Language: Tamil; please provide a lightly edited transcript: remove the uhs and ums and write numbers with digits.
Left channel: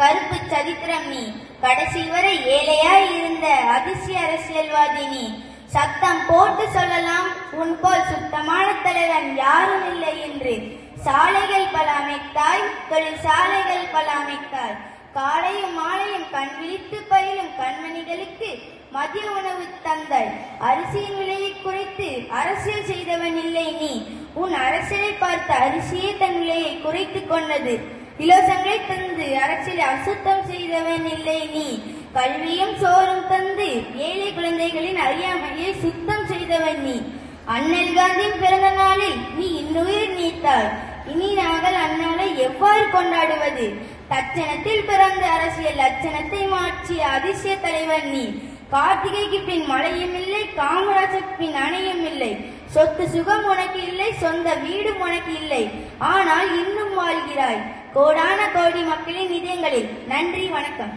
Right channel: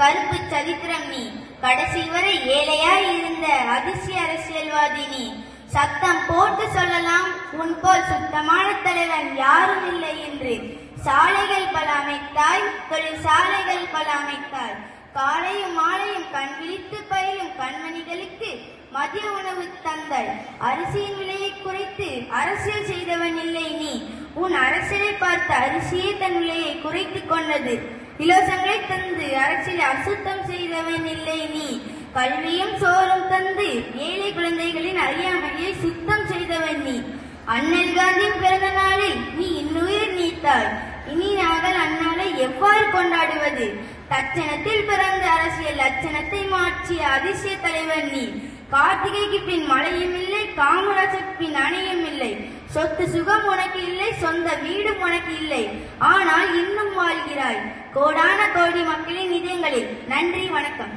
கருப்பு சரித்திரம் நீ. கடைசி வரை ஏழையாய் இருந்த அதிசய அரசியல்வாதி நீ. சத்தம் போட்டு சொல்லலாம் உன் போல் சுத்தமான தலைவன் யாரும் இல்லை என்று. சாலைகள் பல அமைத்தாய், தொழிற்சாலைகள் பல அமைத்தாய். காலையும் மாலையும் கண் விழித்து பயிலும் கண்மணிகளுக்கு மதிய உணவு தந்தாய். அரிசியின் விலையை குறைத்து அரசியல் செய்தவன் இல்லை நீ. உன் அரசியலை பார்த்து அரிசியே தன் விலையை குறைத்து கொண்டது. இலவசங்களை தந்து அரசியலை அசுத்தம் செய்தவன் இல்லை நீ. கல்வியும் சோறும் தந்து ஏழை குழந்தைகளின் அறியாமையை சுத்தம் செய்தவன் நீ. அண்ணல் காந்தியின் பிறந்த நாளில் நீ இன்னுயிர் நீத்தாய். இனி நாங்கள் அந்நாளை எவ்வாறு கொண்டாடுவது? தட்சணத்தில் பிறந்த அரசியல் லட்சணத்தை மாற்றிய அதிசய தலைவர் நீ. கார்த்திகைக்கு பின் மழையும் இல்லை, காமராஜுக்கு பின் அணையும் இல்லை. சொத்து சுகம் உனக்கு இல்லை, சொந்த வீடும் உனக்கு இல்லை. ஆனால் இன்னும் வாழ்கிறாய் கோடான கோடி மக்களின் இதயங்களில். நன்றி, வணக்கம்.